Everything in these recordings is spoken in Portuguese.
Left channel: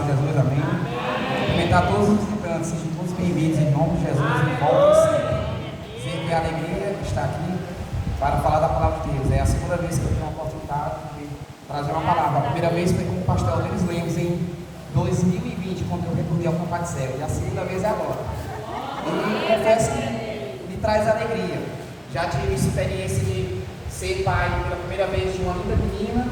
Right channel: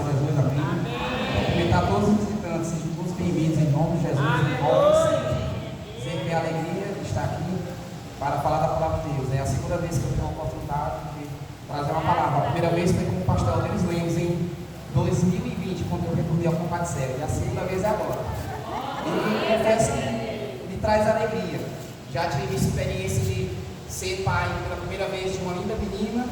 Senhor Jesus, amém. Cumprimentar todos os visitantes, sejam todos bem-vindos em nome de Jesus e voltem sempre. Dizer que é alegria estar aqui para falar da palavra de Deus. É a segunda vez que eu tenho a oportunidade de trazer uma palavra. A primeira vez foi com o pastor Denis Lemos em 2020, quando eu recordei ao combate cego. E a segunda vez é agora. E confesso que me traz alegria. Já tive experiência de ser pai pela primeira vez de uma linda menina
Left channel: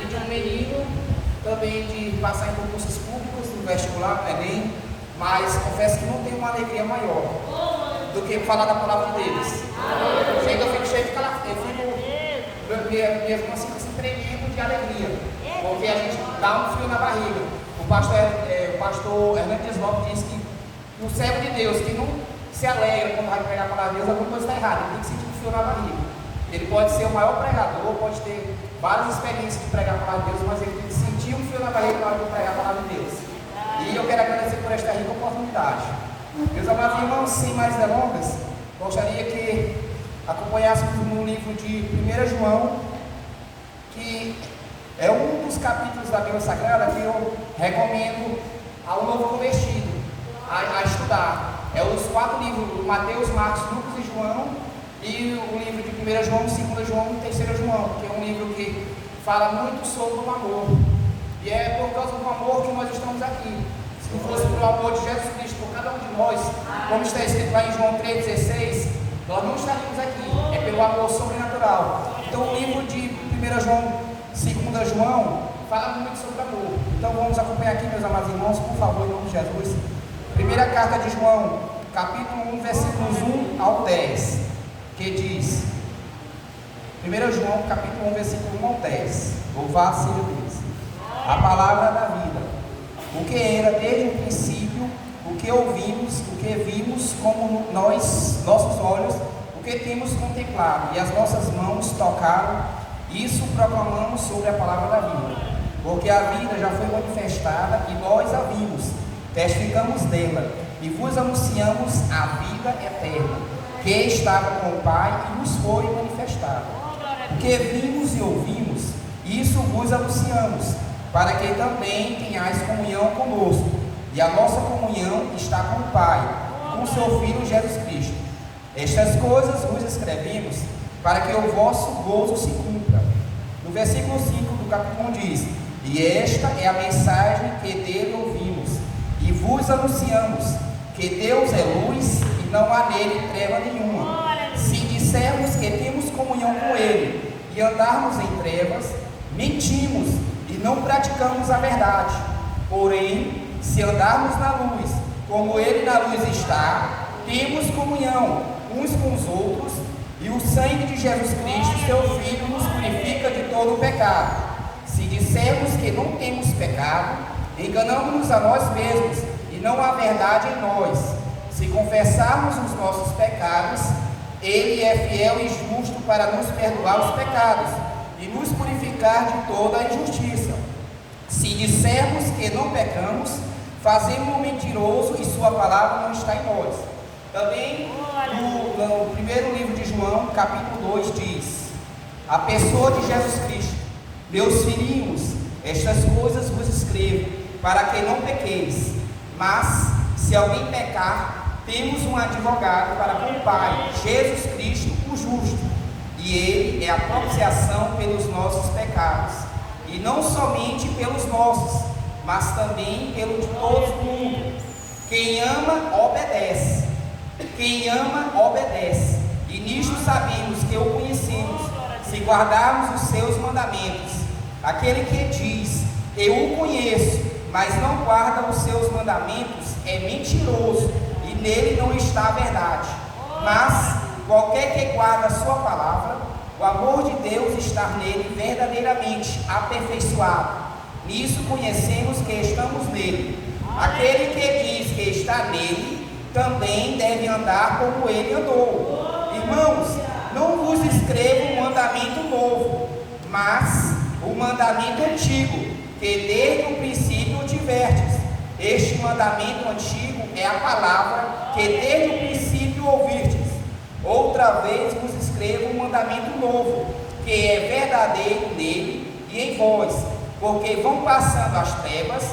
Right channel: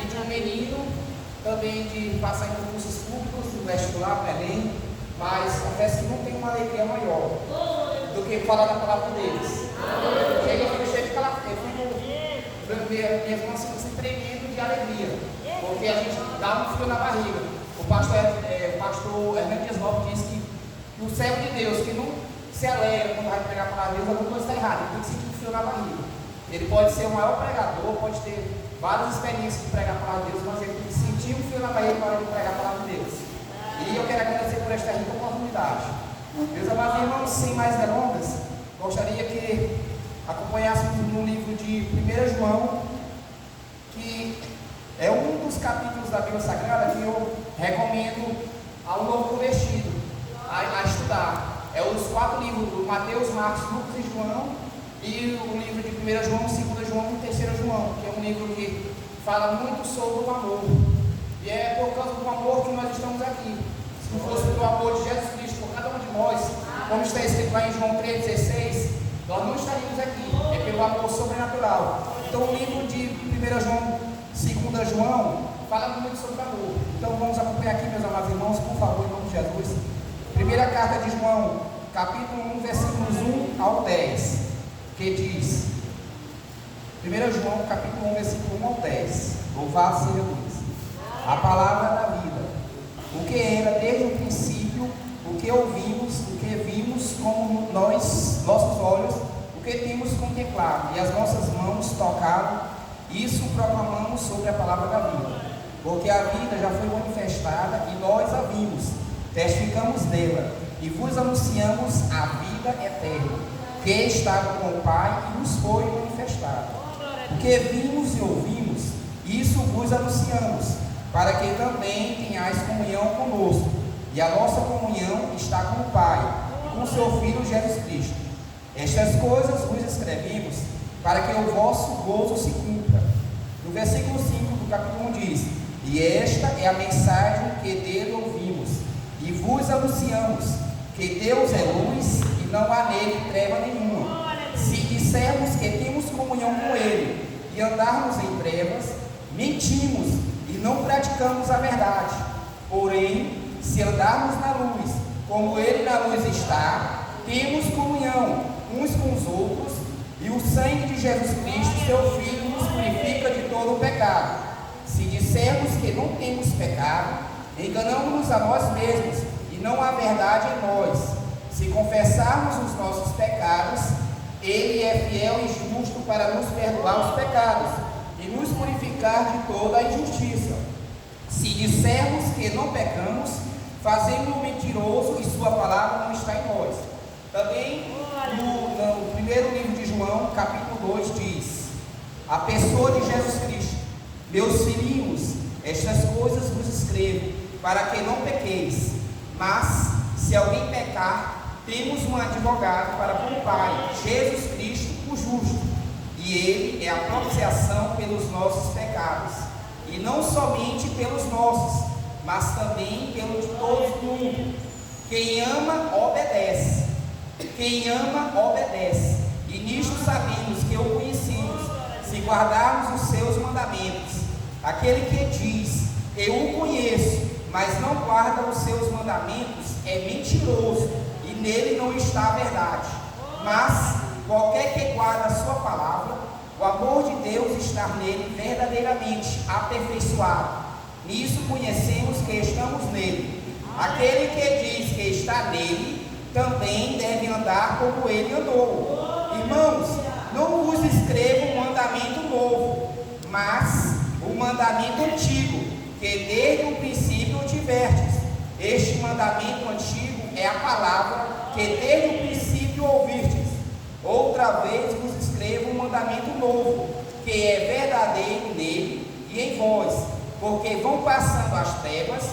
e de um menino, também de passar em concursos públicos, no vestibular, no Enem, mas confesso que não tenho uma alegria maior do que falar da palavra de Deus. Eu fico cheio de calafrio, minhas mãos ficam se tremendo de alegria, porque a gente dá um frio na barriga. O pastor Hernando Dias Lopes disse que o servo de Deus que não se alegra quando vai pregar a palavra de Deus, alguma coisa está errada, ele tem que sentir um frio na barriga. Ele pode ser o maior pregador, pode ter várias experiências de pregar a palavra de Deus, mas ele tem que sentir um fio na barriga na hora de pregar a palavra de Deus. E eu quero agradecer por esta rica oportunidade. Meus amados irmãos, sem mais delongas, gostaria que acompanhássemos no livro de 1 João, que é um dos capítulos da Bíblia Sagrada que eu recomendo ao novo convertido a estudar. É os 4 livros, Mateus, Marcos, Lucas e João, e o livro de 1 João, 2 João e 3 João, que é um livro que fala muito sobre o amor. E é por causa do amor que nós estamos aqui. Se não fosse pelo amor de Jesus Cristo por cada um de nós, como está escrito lá em João 3,16, nós não estaríamos aqui. É pelo amor sobrenatural. Então o livro de 1 João, 2 João, fala muito sobre amor. Então vamos acompanhar aqui, meus amados irmãos, por favor, em nome de Jesus. Primeira carta de João, capítulo 1, versículos 1 ao 10, que diz, 1 João, capítulo 1, versículo 1 ao 10, louvado seja Deus, a palavra da vida, o que era desde o princípio, o que ouvimos, o que vimos, como nossos olhos, o que temos contemplado, e as nossas mãos tocaram, isso proclamamos sobre a palavra da vida, porque a vida já foi manifestada, e nós a vimos, testificamos dela, e vos anunciamos a vida eterna, que estava com o Pai e nos foi manifestada. O que vimos e ouvimos, isso vos anunciamos, para que também tenhais comunhão conosco. E a nossa comunhão está com o Pai, com o seu Filho Jesus Cristo. Estas coisas vos escrevemos, para que o vosso gozo se cumpra. No versículo 5 do capítulo 1 diz, e esta é a mensagem que dele ouvimos, e vos anunciamos, que Deus é luz, não há nele treva nenhuma. Se dissermos que temos comunhão com Ele e andarmos em trevas, mentimos e não praticamos a verdade. Porém, se andarmos na luz, como Ele na luz está, temos comunhão uns com os outros, e o sangue de Jesus Cristo, seu Filho, nos purifica de todo o pecado. Se dissermos que não temos pecado, enganamos-nos a nós mesmos, e não há verdade em nós. Se confessarmos os nossos pecados, Ele é fiel e justo para nos perdoar os pecados e nos purificar de toda a injustiça. Se dissermos que não pecamos, fazemos-o mentiroso e sua palavra não está em nós. Também no primeiro livro de João, capítulo 2, diz, a pessoa de Jesus Cristo, meus filhinhos, estas coisas vos escrevo, para que não pequeis. Mas, se alguém pecar, temos um advogado para com o Pai, Jesus Cristo, o justo, e Ele é a propiciação pelos nossos pecados, e não somente pelos nossos, mas também pelo de todo o mundo. Quem ama, obedece. Quem ama, obedece. E nisto sabemos que o conhecemos, se guardarmos os seus mandamentos. Aquele que diz, eu o conheço, mas não guarda os seus mandamentos, é mentiroso, e nele não está a verdade. Mas qualquer que guarda a sua palavra, o amor de Deus está nele verdadeiramente aperfeiçoado. Nisso conhecemos que estamos nele. Aquele que diz que está nele, também deve andar como ele andou. Irmãos, não vos escrevo um mandamento novo, mas o mandamento antigo, que desde o princípio tiverdes. Este mandamento antigo é a palavra que desde o princípio ouvistes. Outra vez vos escrevo um mandamento novo, que é verdadeiro nele e em vós, porque vão passando as trevas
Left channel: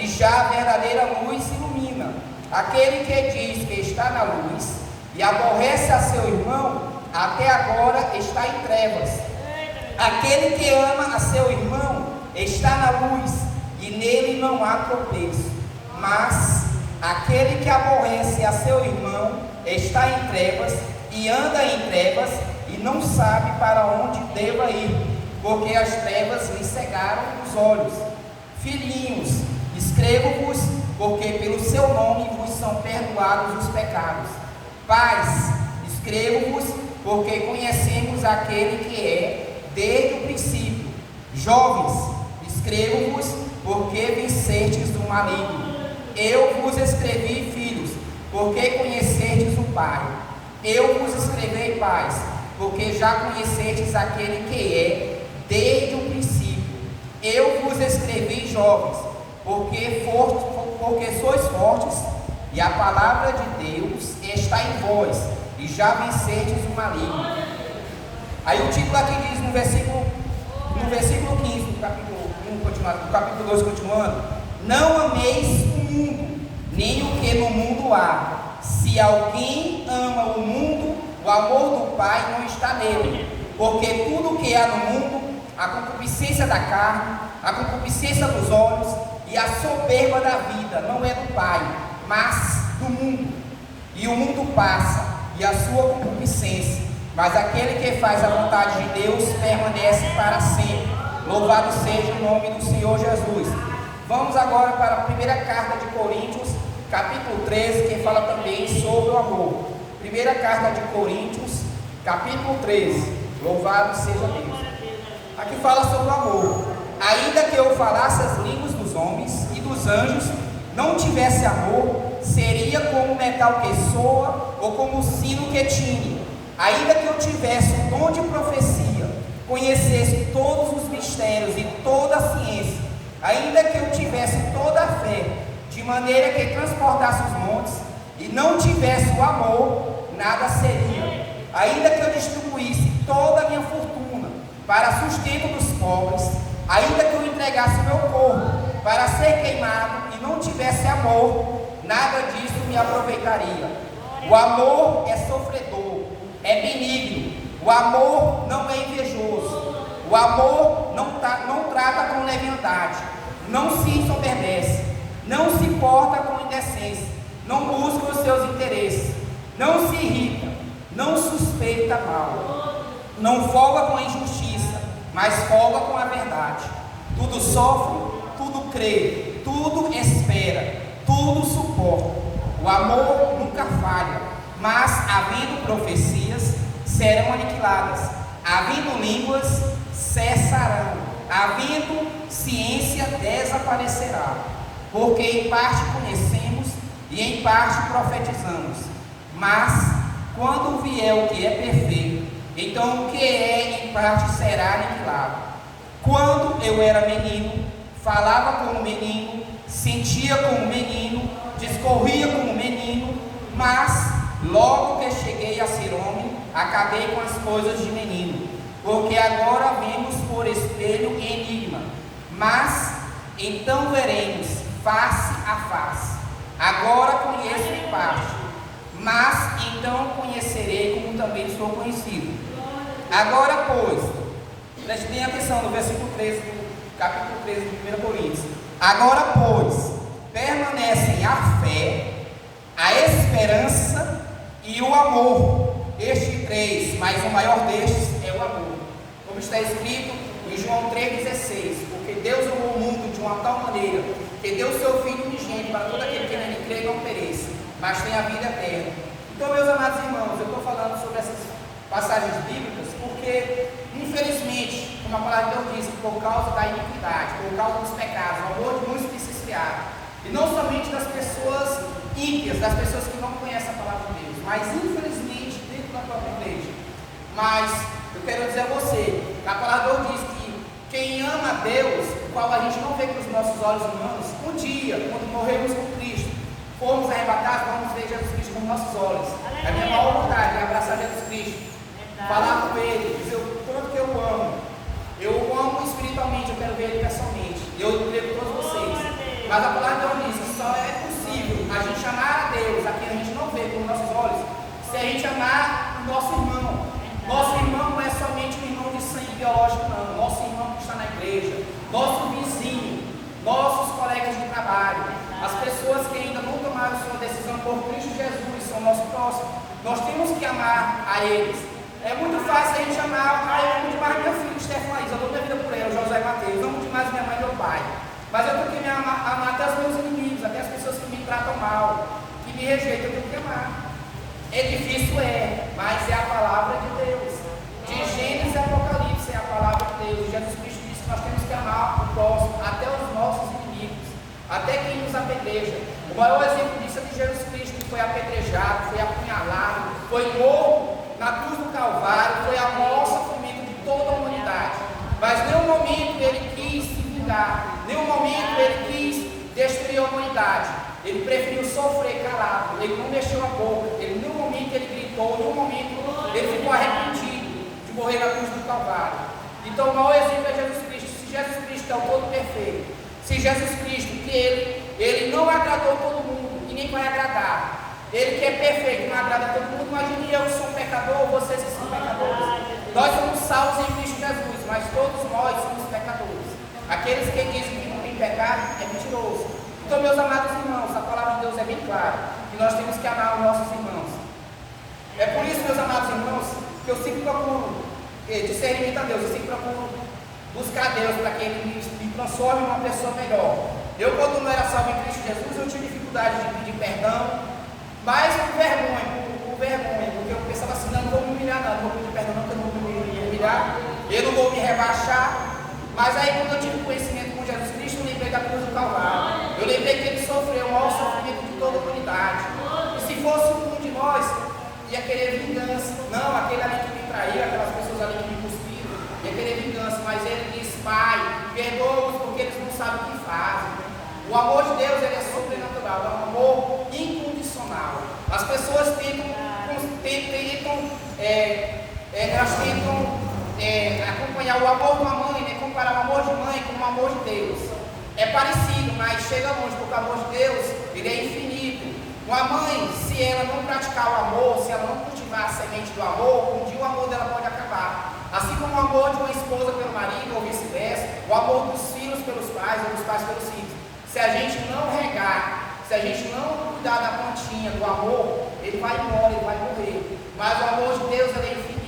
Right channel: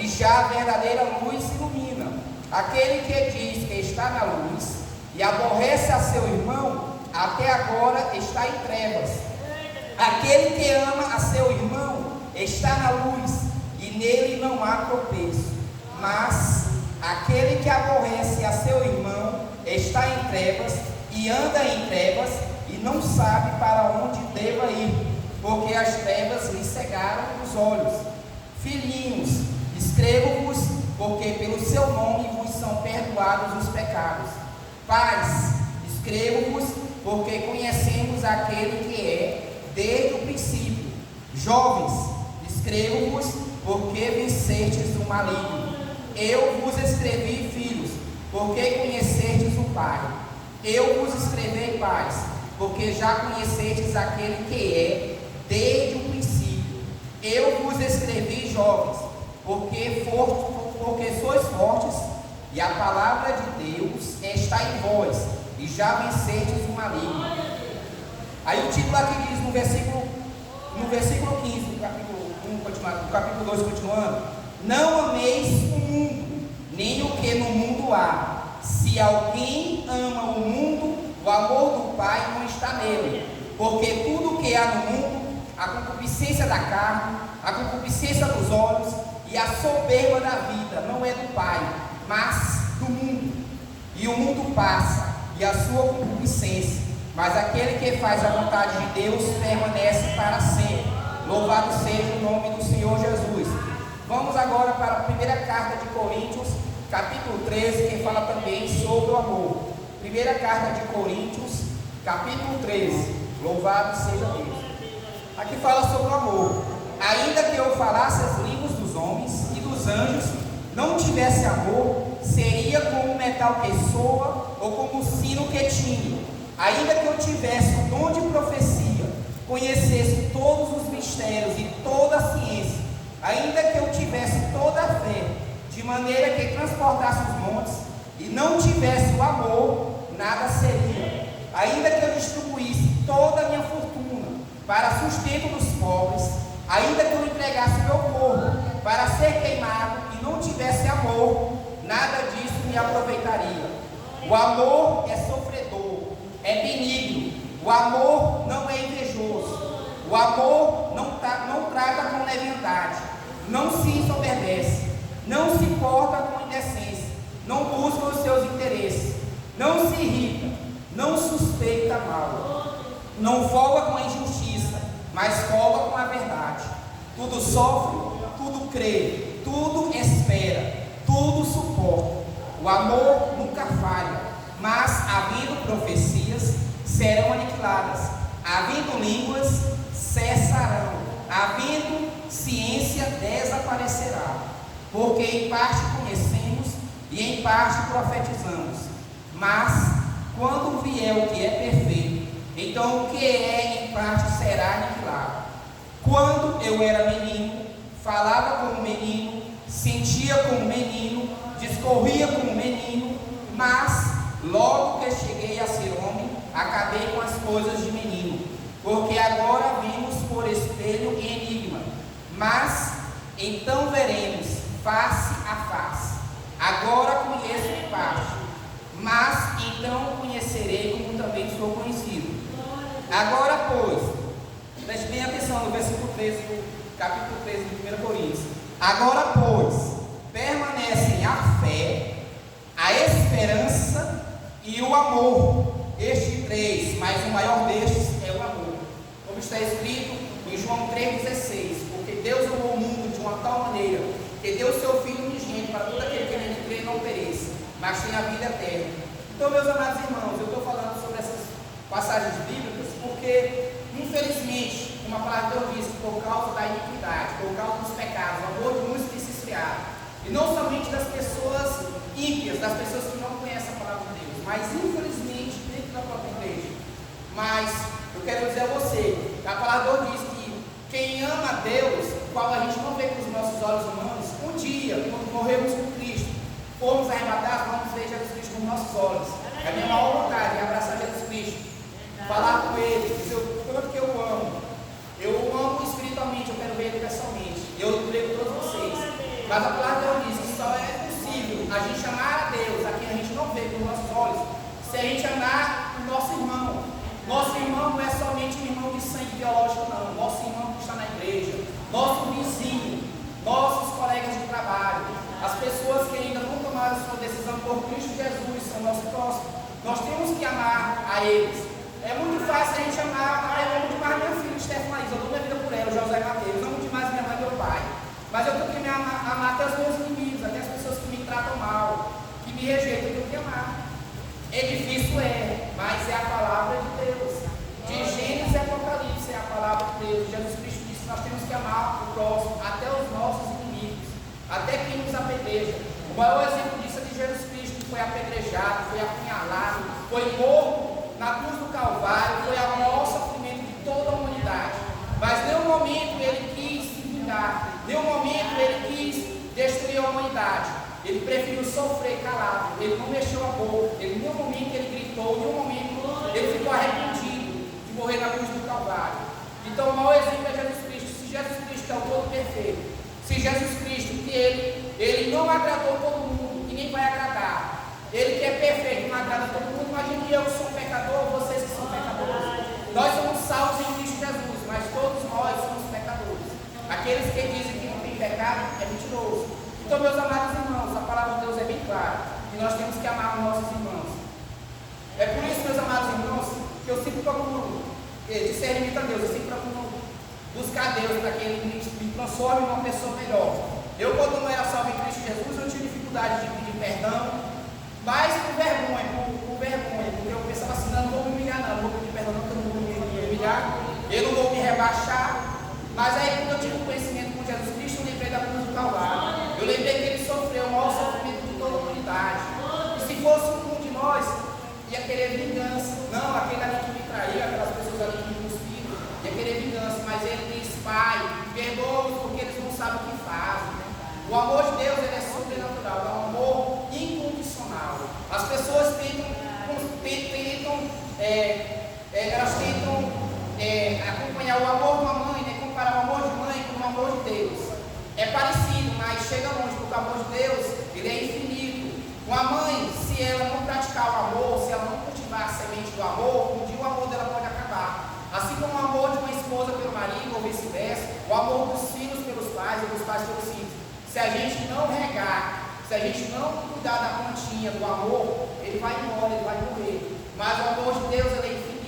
e já a verdadeira luz ilumina. Aquele que diz que está na luz e aborrece a seu irmão, até agora está em trevas. Aquele que ama a seu irmão está na luz, e nele não há tropeço. Mas aquele que aborrece a seu irmão está em trevas, e anda em trevas, e não sabe para onde deva ir, porque as trevas lhe cegaram os olhos. Filhinhos, escrevo-vos, porque pelo seu nome vos são perdoados os pecados. Pais, escrevo-vos, porque conhecemos aquele que é desde o princípio. Jovens, escrevo-vos, porque vencestes o maligno. Eu vos escrevi, filhos, porque conhecestes o Pai. Eu vos escrevi, pais, porque já conhecestes aquele que é desde o princípio. Eu vos escrevi, jovens, porque sois fortes, e a palavra de Deus está em vós, e já vencestes o maligno. Aí o título aqui diz no versículo 15, do capítulo 2, continuando: não ameis o mundo, nem o que no mundo há. Se alguém ama o mundo, o amor do Pai não está nele. Porque tudo que há no mundo, a concupiscência da carne, a concupiscência dos olhos e a soberba da vida, não é do Pai, mas do mundo. E o mundo passa, e a sua concupiscência, mas aquele que faz a vontade de Deus permanece para sempre. Louvado seja o nome do Senhor Jesus. Vamos agora para a primeira carta de Coríntios, capítulo 13, que fala também sobre o amor. Primeira carta de Coríntios, capítulo 13. Louvado seja Deus. Aqui fala sobre o amor. Ainda que eu falasse as línguas dos homens e dos anjos, não tivesse amor, seria como metal que soa ou como sino que tine. Ainda que eu tivesse o dom de profecia, conhecesse todos os mistérios e toda a ciência, ainda que eu tivesse toda a fé, de maneira que transportasse os montes, e não tivesse o amor, nada seria. Ainda que eu distribuísse toda a minha fortuna para sustento dos pobres, ainda que eu entregasse o meu corpo para ser queimado e não tivesse amor, nada disso me aproveitaria. O amor é sofredor, é benigno. O amor não é invejoso. O amor não trata com leviandade, não se ensoberbece, não se porta com indecência, não busca os seus interesses, não se irrita, não suspeita mal, não folga com a injustiça, mas folga com a verdade. Tudo sofre, tudo crê, tudo espera, tudo suporta. O amor nunca falha, mas havendo profecias, serão aniquiladas, havendo línguas, cessarão, havendo ciência, desaparecerá. Porque em parte conhecemos e em parte profetizamos. Mas quando vier o que é perfeito, então o que é em parte será aniquilado. Quando eu era menino, falava como menino, sentia como menino, discorria como menino, mas logo que cheguei a ser homem, acabei com as coisas de menino. Porque agora vimos por espelho em enigma, mas então veremos face a face. Agora conheço em parte, mas então conhecerei como também sou conhecido. Agora, pois, preste bem atenção no versículo 13 do capítulo 13 de 1 Coríntios. Agora, pois, permanecem a fé, a esperança e o amor. Estes três, mas o maior destes é o amor. Como está escrito em João 3,16: porque Deus amou o mundo de uma tal maneira que deu o seu Filho unigênito para todo aquele que nele crê não pereça, mas tenha a vida eterna. Então, meus amados irmãos, eu estou falando sobre essas passagens bíblicas porque, infelizmente, como a palavra de Deus diz, por causa da iniquidade, por causa dos pecados, o amor de muitos tem se esfriado. E não somente das pessoas ímpias, das pessoas que não conhecem a palavra de Deus, mas infelizmente dentro da própria igreja. Mas eu quero dizer a você, que a palavra de Deus diz que quem ama a Deus, o qual a gente não vê com os nossos olhos humanos, um dia, quando morrermos com Cristo, formos arrebatados, vamos ver Jesus Cristo com nossos olhos. É a minha maior vontade é abraçar Jesus Cristo, falar com Ele, dizer o quanto que eu amo. Eu o amo espiritualmente, eu quero ver Ele pessoalmente. Eu levo todos vocês. Mas a palavra de Deus diz que só é possível a gente amar a Deus, a quem a gente não vê com nossos olhos, se a gente amar o nosso irmão. Nosso irmão não é somente um irmão de sangue biológico, não. Nosso irmão que está na igreja, nosso vizinho, nossos colegas de trabalho, as pessoas que ainda não tomaram sua decisão por Cristo Jesus, são nosso próximo. Nós temos que amar a eles. É muito fácil a gente amar, eu amo demais minha filha, Stefan Laís, eu dou minha vida por ela, José Mateus, eu amo demais minha mãe e meu pai. Mas eu tenho que amar até os meus inimigos, até as pessoas que me tratam mal, que me rejeitam, eu tenho que amar. É difícil, mas é a palavra de Deus. De Gênesis e Apocalipse é a palavra de Deus. Jesus Cristo disse que nós temos que amar o próximo, até os nossos inimigos, até quem nos apedreja. O maior exemplo disso é de Jesus Cristo, que foi apedrejado, foi apunhalado, foi morto na cruz do Calvário, foi a maior sofrimento de toda a humanidade. Mas em nenhum momento ele quis se vingar, em nenhum momento ele quis destruir a humanidade. Ele preferiu sofrer calado, ele não mexeu a boca, ele, em nenhum momento ele gritou, em nenhum momento ele ficou arrependido de morrer na cruz do Calvário. Então o maior exemplo é Jesus Cristo. Se Jesus Cristo é o todo perfeito, se Jesus Cristo, que ele não agradou todo mundo e nem vai agradar, ele que é perfeito, não agrada todo mundo, imagine eu que sou um pecador, vocês que são pecadores. Nós somos salvos em Cristo Jesus, mas todos nós somos pecadores. Aqueles que dizem que não tem pecado é mentiroso. Então, meus amados irmãos, a palavra de Deus é bem clara, que nós temos que amar os nossos irmãos. É por isso, meus amados irmãos, que eu sempre procuro discernimento a Deus, eu sempre procuro buscar a Deus para que Ele me transforme em uma pessoa melhor. Eu, quando não era salvo em Cristo Jesus, eu tinha dificuldade de pedir perdão, mas por vergonha, porque eu pensava assim, não vou me humilhar não vou pedir perdão não, porque eu não vou me humilhar, eu não vou me rebaixar. Mas aí, quando eu tive conhecimento com Jesus Cristo, eu lembrei da cruz do Calvário. Eu lembrei que ele sofreu o maior sofrimento de toda a humanidade. E se fosse um de nós, ia querer vingança. Não, aquele ali que me traiu, aquelas pessoas ali que me cuspiram, ia querer vingança. Mas ele disse, Pai, perdoa-os porque eles não sabem o que fazem. O amor de Deus, ele é sobrenatural, é um amor incondicional. As pessoas elas tentam acompanhar o amor de uma mãe, né? Comparar o amor de mãe com o amor de Deus. É parecido, mas chega longe, porque o amor de Deus, ele é infinito. Uma mãe, se ela não praticar o amor, se ela não cultivar a semente do amor, um dia o amor dela pode acabar. Assim como o amor de uma esposa pelo marido, ou vice-versa, o amor dos filhos pelos pais, ou dos pais pelos filhos. Se a gente não regar, se a gente não cuidar da plantinha do amor, ele vai embora, ele vai morrer. Mas o amor de Deus, ele é infinito.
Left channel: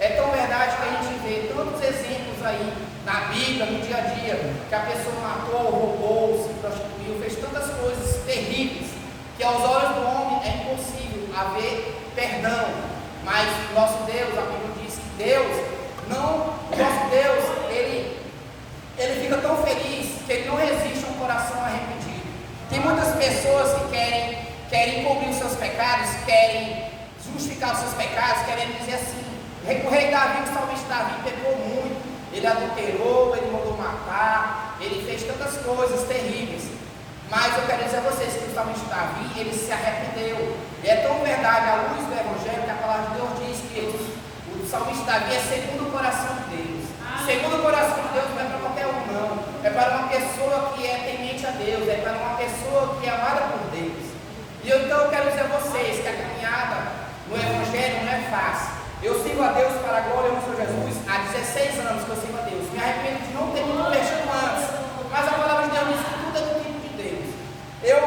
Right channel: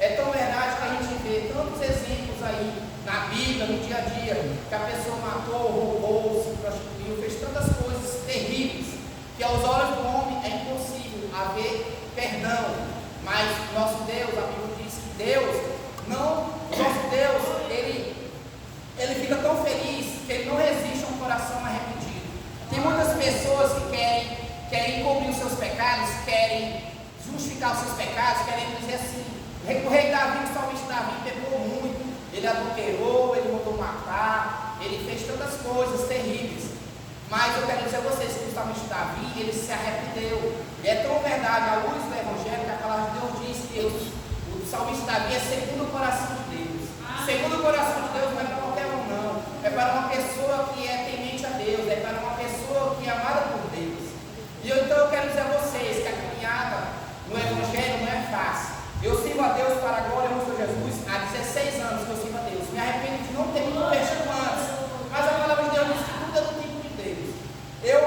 É tão verdade que a gente vê tantos exemplos aí na Bíblia, no dia a dia, que a pessoa matou, roubou, se prostituiu, fez tantas coisas terríveis, que aos olhos do homem é impossível haver perdão. Mas nosso Deus, a Bíblia diz que nosso Deus, ele fica tão feliz que ele não resiste a um coração arrependido. Tem muitas pessoas que querem cobrir os seus pecados, querem justificar os seus pecados, querem dizer assim, o rei Davi, o salmista Davi, pecou muito, ele adulterou, ele mandou matar, ele fez tantas coisas terríveis. Mas eu quero dizer a vocês que o salmista Davi, ele se arrependeu. E é tão verdade, à luz do Evangelho, que a palavra de Deus diz que o salmista Davi é segundo o coração de Deus. Segundo o coração de Deus não é para qualquer um, não. É para uma pessoa que é temente a Deus, é para uma pessoa que é amada por Deus. E então eu quero dizer a vocês que a caminhada no Evangelho não é fácil. Eu sirvo a Deus para a glória do Senhor Jesus há 16 anos que eu sirvo a Deus. Me arrependo de não ter me convertido antes. Mas a palavra de Deus diz que tudo é do tempo de Deus. Eu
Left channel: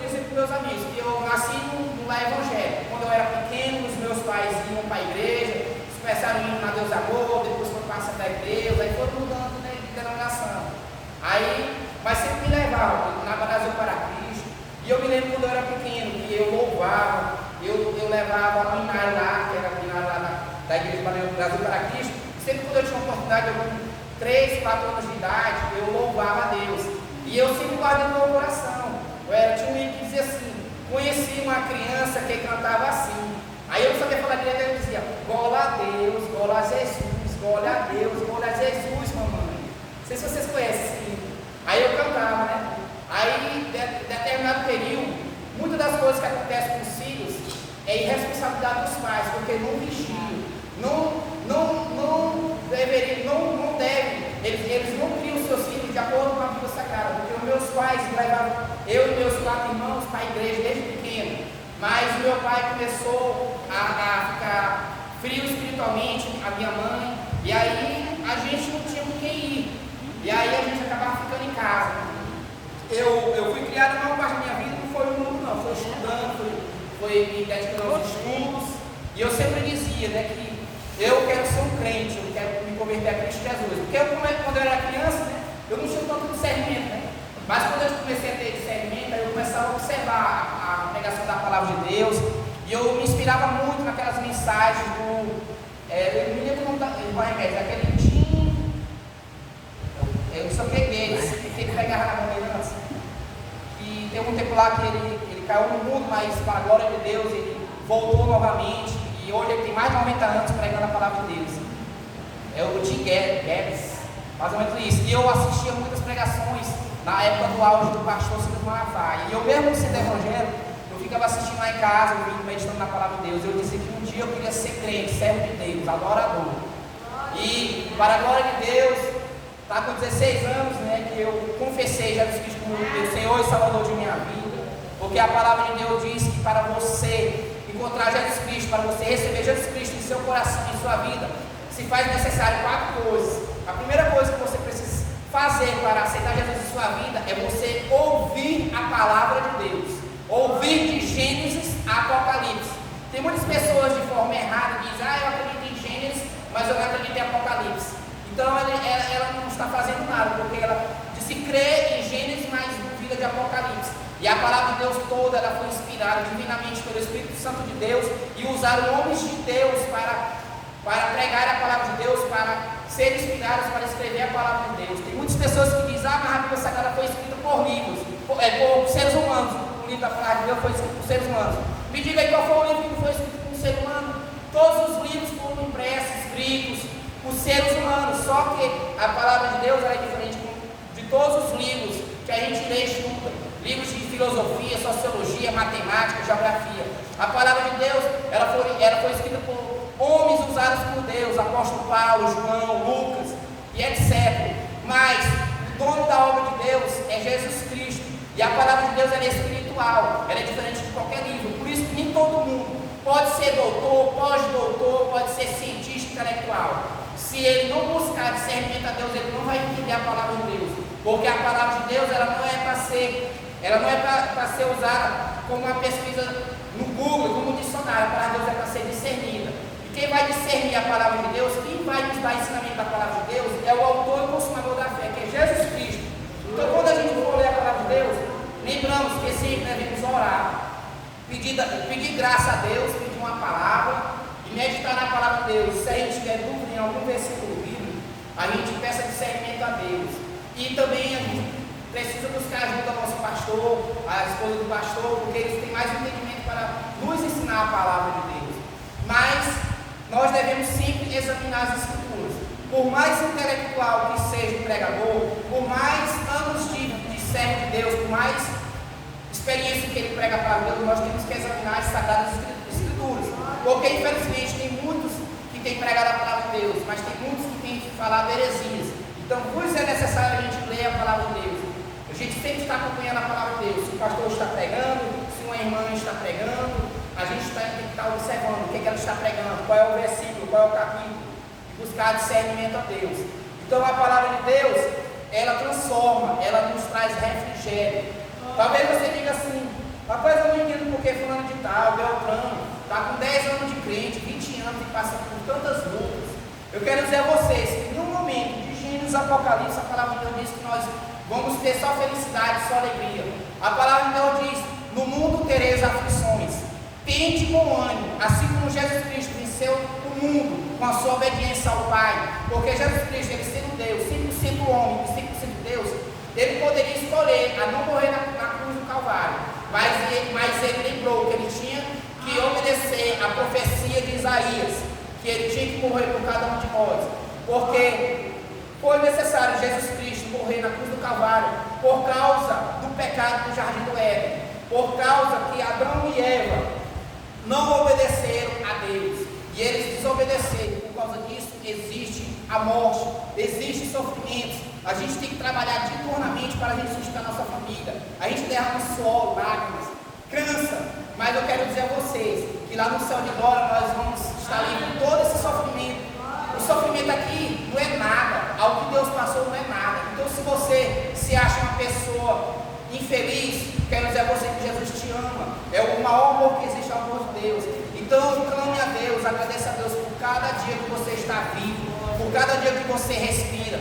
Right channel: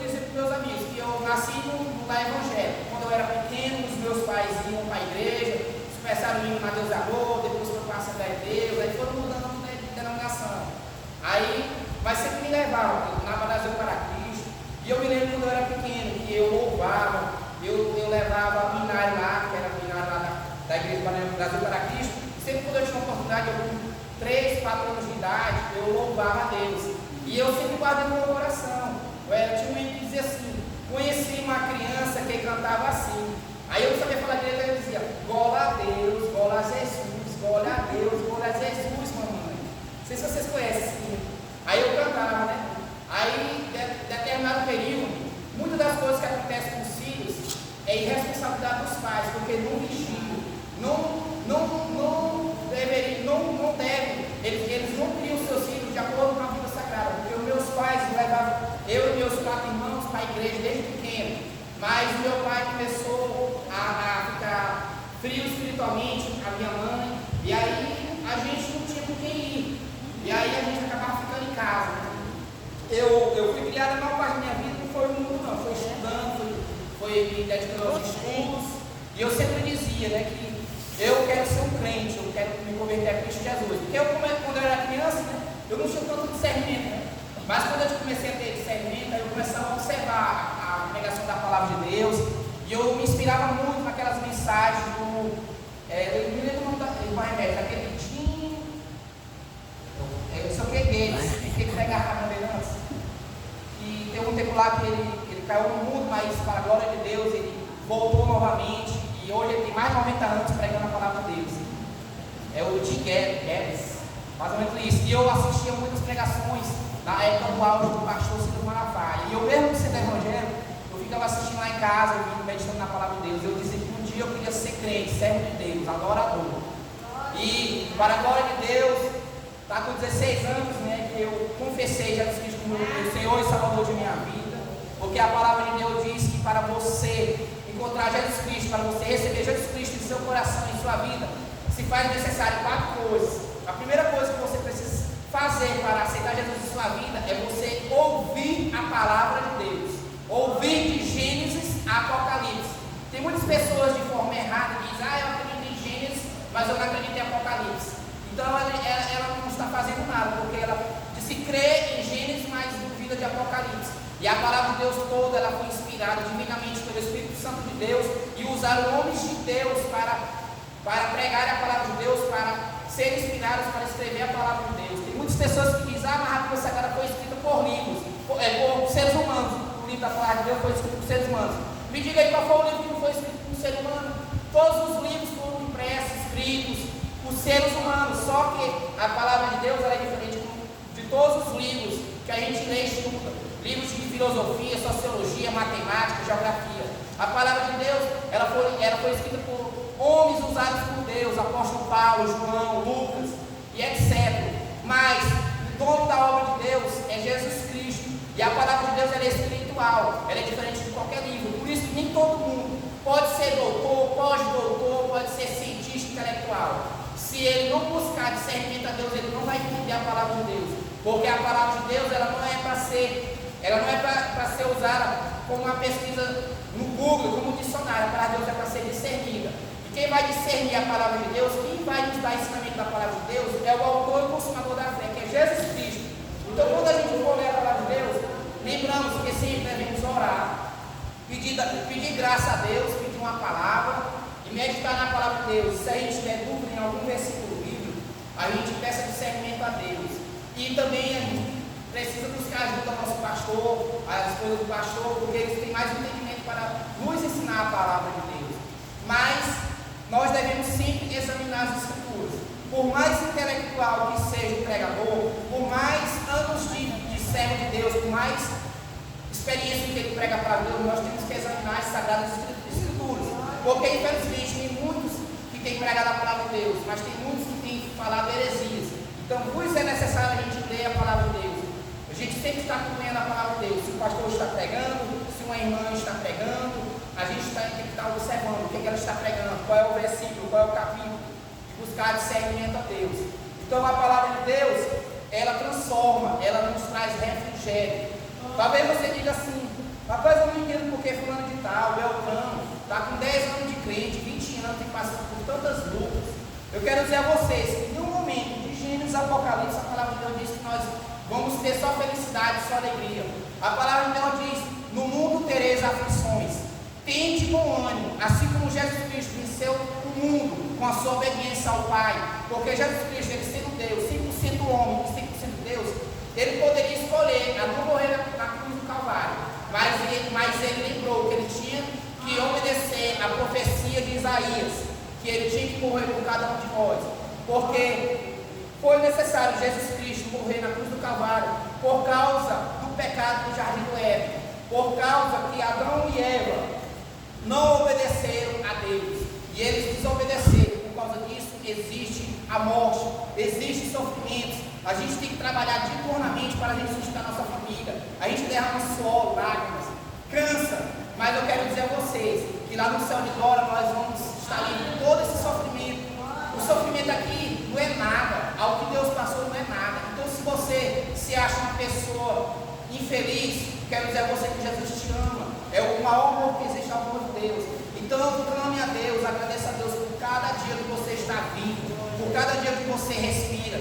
dizia para os meus amigos que eu nasci no lar evangélico. Quando eu era pequeno, os meus pais iam para a igreja, eles começaram indo na Deus da Amor, depois foram para a Assembleia de Deus, aí foram mudando, né, de denominação. Mas sempre me levavam na Brasil para Cristo. E eu me lembro quando eu era pequeno, que eu louvava. Eu levava a Minário lá, que era a Minário lá da Igreja Brasil para Cristo. Sempre quando eu tinha uma oportunidade, eu com 3, 4 anos de idade, eu louvava a Deus. E eu sempre guardei no meu coração. Tinha um livro que dizia assim, conheci uma criança que cantava assim. Aí eu não sabia falar direito, eu dizia, glória a Deus, glória a Jesus, glória a Deus, glória a Jesus, mamãe. Não sei se vocês conhecem esse livro. Aí eu cantava, né? Aí, em determinado período, muitas das coisas que acontecem com os filhos é irresponsabilidade dos pais, porque não vigiam, não devem, eles não criam seus filhos de acordo com a Bíblia Sagrada, porque os meus pais levavam eu e meus 4 irmãos para a igreja desde pequeno, mas meu pai começou a ficar frio espiritualmente, a minha mãe, e aí a gente não tinha com quem ir, e aí a gente acabava ficando em casa. Eu fui criado a maior parte da minha vida, não foi no mundo não, foi estudando, foi me dedicando aos estudos, e eu sempre dizia, né, que eu quero ser um crente, eu quero me converter a Cristo Jesus, porque quando eu era criança, né, eu não tinha tanto discernimento, né, mas quando eu comecei a ter discernimento, aí eu começava a observar a pregação da palavra de Deus, e eu me inspirava muito naquelas mensagens eu me lembro do remédio, aquele Tim, eu só peguei, que tem que pregar na mão dele antes, e teve um tempo lá que ele caiu no mundo, mas para a glória de Deus, ele voltou novamente, e hoje ele tem mais de 90 anos pregando a palavra de Deus. É o Tim Guedes, mais ou menos isso. E eu assistia muitas pregações na época do auge do pastor Silas Malafaia. E eu mesmo sendo evangélico, eu ficava assistindo lá em casa, eu fico meditando na palavra de Deus. Eu disse que um dia eu queria ser crente, servo de Deus, adorador. E para a glória de Deus, está com 16 anos, né, que eu confessei Jesus Cristo como meu Senhor e Salvador de minha vida. Porque a palavra de Deus diz que para você encontrar Jesus Cristo, para você receber Jesus Cristo em seu coração, em sua vida, se faz necessário 4 coisas. A primeira coisa que você precisa fazer para aceitar Jesus em sua vida é você ouvir a palavra de Deus, ouvir de Gênesis a Apocalipse. Tem muitas pessoas de forma errada que dizem, eu acredito em Gênesis, mas eu não acredito em Apocalipse. Então ela não está fazendo nada, porque ela disse crer em Gênesis, mas duvida de Apocalipse. E a palavra de Deus toda, ela foi inspirada divinamente pelo Espírito Santo de Deus, e usaram homens de Deus para pregar a palavra de Deus, para ser inspirados para escrever a palavra de Deus. Tem muitas pessoas que dizem, mas a Bíblia Sagrada foi escrita por livros, por seres humanos. O livro da palavra de Deus foi escrito por seres humanos. Me diga aí qual foi o livro que não foi escrito por um ser humano? Todos os livros foram impressos, escritos por seres humanos, só que a palavra de Deus é diferente de todos os livros que a gente lê e estuda. Livros de filosofia, sociologia, matemática, geografia. A palavra de Deus, ela foi escrita por homens usados por Deus, apóstolo Paulo, João, Lucas e etc. Mas o dono da obra de Deus é Jesus Cristo. E a palavra de Deus ela é espiritual, ela é diferente de qualquer livro. Por isso que nem todo mundo pode ser doutor, pós-doutor, pode ser cientista intelectual. Se ele não buscar discernimento a Deus, ele não vai entender a palavra de Deus. Porque a palavra de Deus ela não é para ser usada como uma pesquisa no Google, como um dicionário. A palavra de Deus é para ser discernida. E quem vai discernir a palavra de Deus, quem vai nos dar ensinamento da palavra de Deus, é o autor e consumador da fé, que é Jesus Cristo. Então, quando a gente for ler a palavra de Deus, lembramos que sempre devemos orar, pedir graça a Deus, pedir uma palavra e meditar na palavra de Deus. Se a gente tiver dúvida em algum versículo bíblico, a gente peça discernimento a Deus. E também a gente precisa buscar ajuda ao nosso pastor, a esposa do pastor, porque eles têm mais entendimento para nos ensinar a palavra de Deus. Mas nós devemos sempre examinar as Escrituras. Por mais intelectual que seja o pregador, por mais anos de servo de Deus, por mais experiência que ele prega a palavra de Deus, nós temos que examinar as Sagradas Escrituras. Porque infelizmente tem muitos que têm pregado a palavra de Deus, mas tem muitos que têm falado heresias. Então, por isso é necessário a gente ler a palavra de Deus. A gente sempre está acompanhando a palavra de Deus. Se o pastor está pregando, se uma irmã está pregando, a gente tem que estar observando o que ela está pregando, qual é o versículo, qual é o capítulo, e buscar discernimento a Deus. Então a palavra de Deus, ela transforma, ela nos traz refrigério. Talvez você diga assim, rapaz, eu não entendo porque fulano de tal, Beltrano, está com 10 anos de crente, 20 anos e passando por tantas lutas. Eu quero dizer a vocês que em um momento de Gênesis Apocalipse, a palavra de Deus diz que nós vamos ter só felicidade, só alegria. A palavra de Deus diz, no mundo tereis aflições, tende bom ânimo, assim como Jesus Cristo venceu o mundo com a sua obediência ao Pai, porque Jesus Cristo, ele sendo Deus, 100% homem e 100% Deus, ele poderia escolher a não morrer na cruz do Calvário, mas ele lembrou que ele tinha que obedecer a profecia de Isaías, que ele tinha que morrer por cada um de nós, porque foi necessário Jesus Cristo morrer na cruz do Calvário por causa do pecado do jardim do Éden, por causa que Adão e Eva não obedeceram a Deus, e eles desobedeceram. Por causa disso existe a morte, existem sofrimentos, A gente tem que trabalhar diuturnamente para a gente sustentar a nossa família. A gente derrama suor, lágrimas, cansa. Mas eu quero dizer a vocês que lá no céu de glória nós vamos estar livres de todo esse sofrimento. O sofrimento aqui não é nada. Ao que Deus passou não é nada. Então se você se acha uma pessoa infeliz, quero dizer a você que Jesus te ama. É o maior amor que existe ao amor de Deus. Então clame a Deus, agradeça a Deus por cada dia que você está vivo, por cada dia que você respira,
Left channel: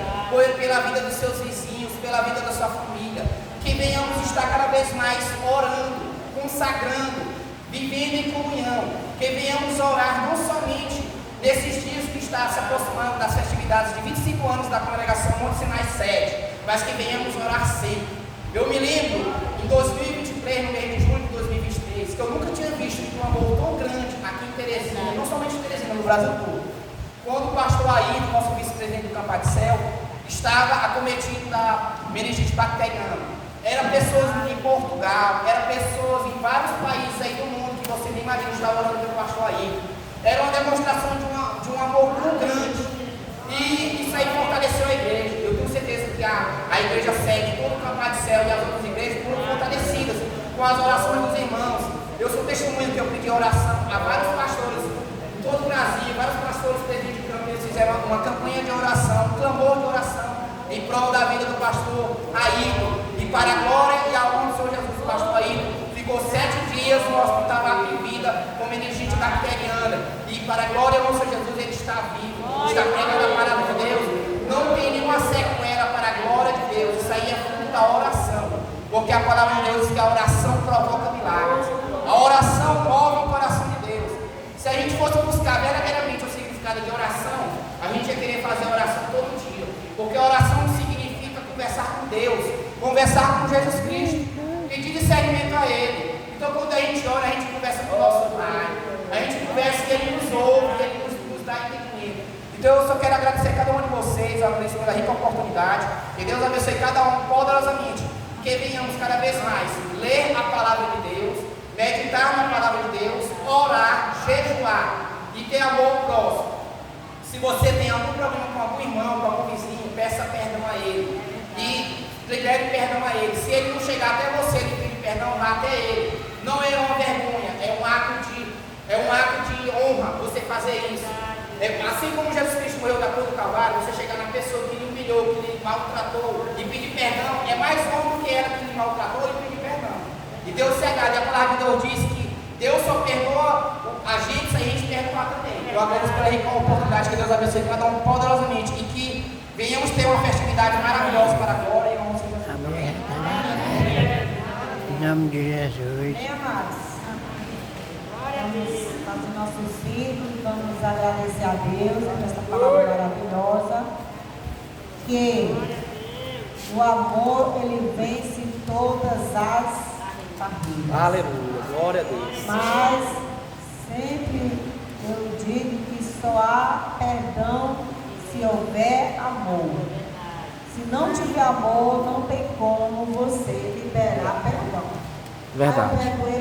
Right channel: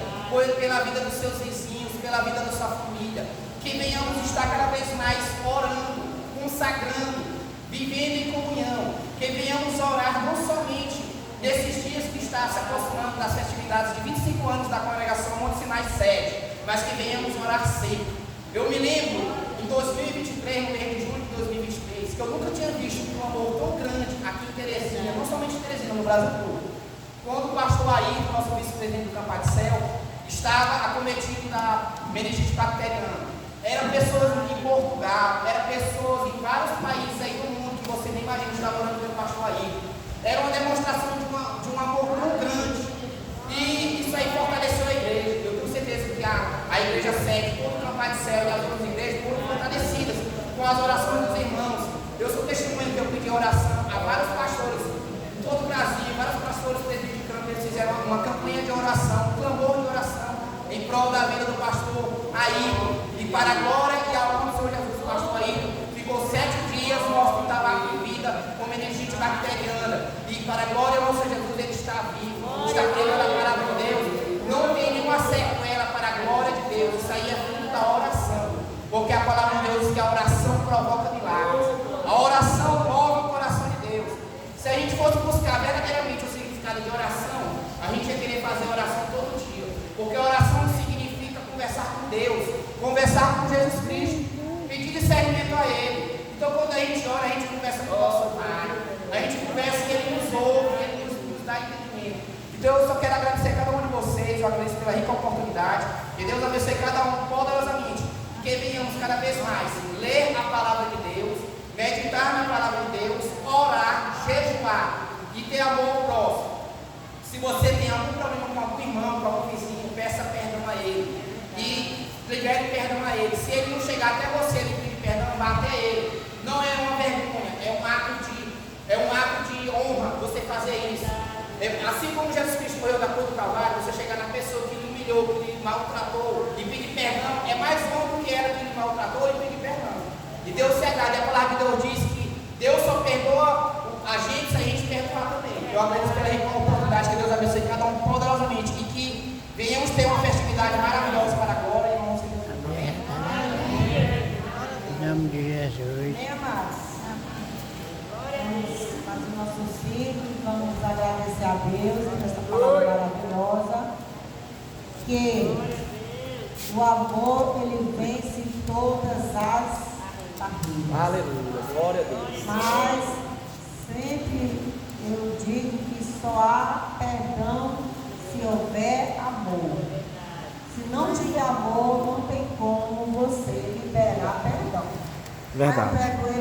pela vida dos seus vizinhos, pela vida da sua família. Que venhamos estar cada vez mais orando, consagrando, vivendo em comunhão. Que venhamos orar não somente nesses dias que está se aproximando das festividades de 25 anos da congregação Monte Sinai Sede, mas que venhamos orar sempre. Eu me lembro em 2023, no mês de julho de 2023, que eu nunca tinha visto um amor tão grande aqui em Teresina, não somente em Teresina, no Brasil todo. Quando o pastor Ayrton, nosso vice-presidente do Campo de Céu, estava acometido da meningite bacteriana. Eram pessoas em Portugal, eram pessoas em vários países aí do mundo que você nem imagina estar orando pelo pastor Ayrton. Era uma demonstração de um amor tão grande. E isso aí fortaleceu a igreja. Eu tenho certeza que a igreja sede, todo o Campo de Céu e as outras igrejas foram fortalecidas com as orações dos irmãos. Eu sou testemunha que eu pedi oração a vários pastores em todo o Brasil, vários pastores presídios de campo, eles fizeram uma campanha de oração, um clamor de oração em prol da vida do pastor Ayrton. E para a glória e a honra do Senhor Jesus, o pastor Ayrton ficou 7 dias no hospital lá em vida com meningite bacteriana. E para a glória e a honra do Senhor Jesus, ele está vivo, está pregando a palavra de Deus. Não tem nenhuma sequela para a glória de Deus. Isso aí é fruto da oração, porque a palavra de Deus diz que a oração provoca milagres. A oração move o coração de Deus. Se a gente fosse buscar verdadeiramente o significado de oração, a gente ia querer fazer oração todo dia, porque a oração significa conversar com Deus, conversar com Jesus Cristo, pedir discernimento a Ele. Então quando a gente ora, a gente conversa com o nosso Pai, a gente conversa e Ele nos ouve, Ele nos dá entendimento. Então eu só quero agradecer a cada um de vocês, eu agradeço pela rica oportunidade, que Deus abençoe cada um poderosamente, que venhamos cada vez mais ler a palavra de Deus, meditar na palavra de Deus, orar, jejuar e ter amor ao próximo. Se você tem algum problema com algum irmão, com algum vizinho, peça perdão a ele e libere perdão a ele. Se ele não chegar até você e pedir perdão, vá até ele. Não é uma vergonha, é um ato de honra você fazer isso. Assim como Jesus Cristo morreu da cruz do Calvário, você chegar na pessoa que lhe humilhou, que lhe maltratou e pedir perdão, é mais honra do que ela que lhe maltratou e pedir perdão. E Deus se agrada, e a palavra de Deus diz que Deus só perdoa a gente se a gente perdoar também. Eu agradeço pela rica oportunidade, que Deus abençoe cada um poderosamente e que venhamos ter uma festividade maravilhosa para a glória e a honra de Deus. Amém. Em nome de Jesus. Vamos fazer nosso círculo e vamos agradecer a Deus por essa palavra maravilhosa. Que o amor, ele vence todas as barreiras. Aleluia, glória a Deus. Mas sempre eu digo que só há perdão se houver amor. Se não tiver amor, não tem como você liberar perdão. Verdade. A vergonha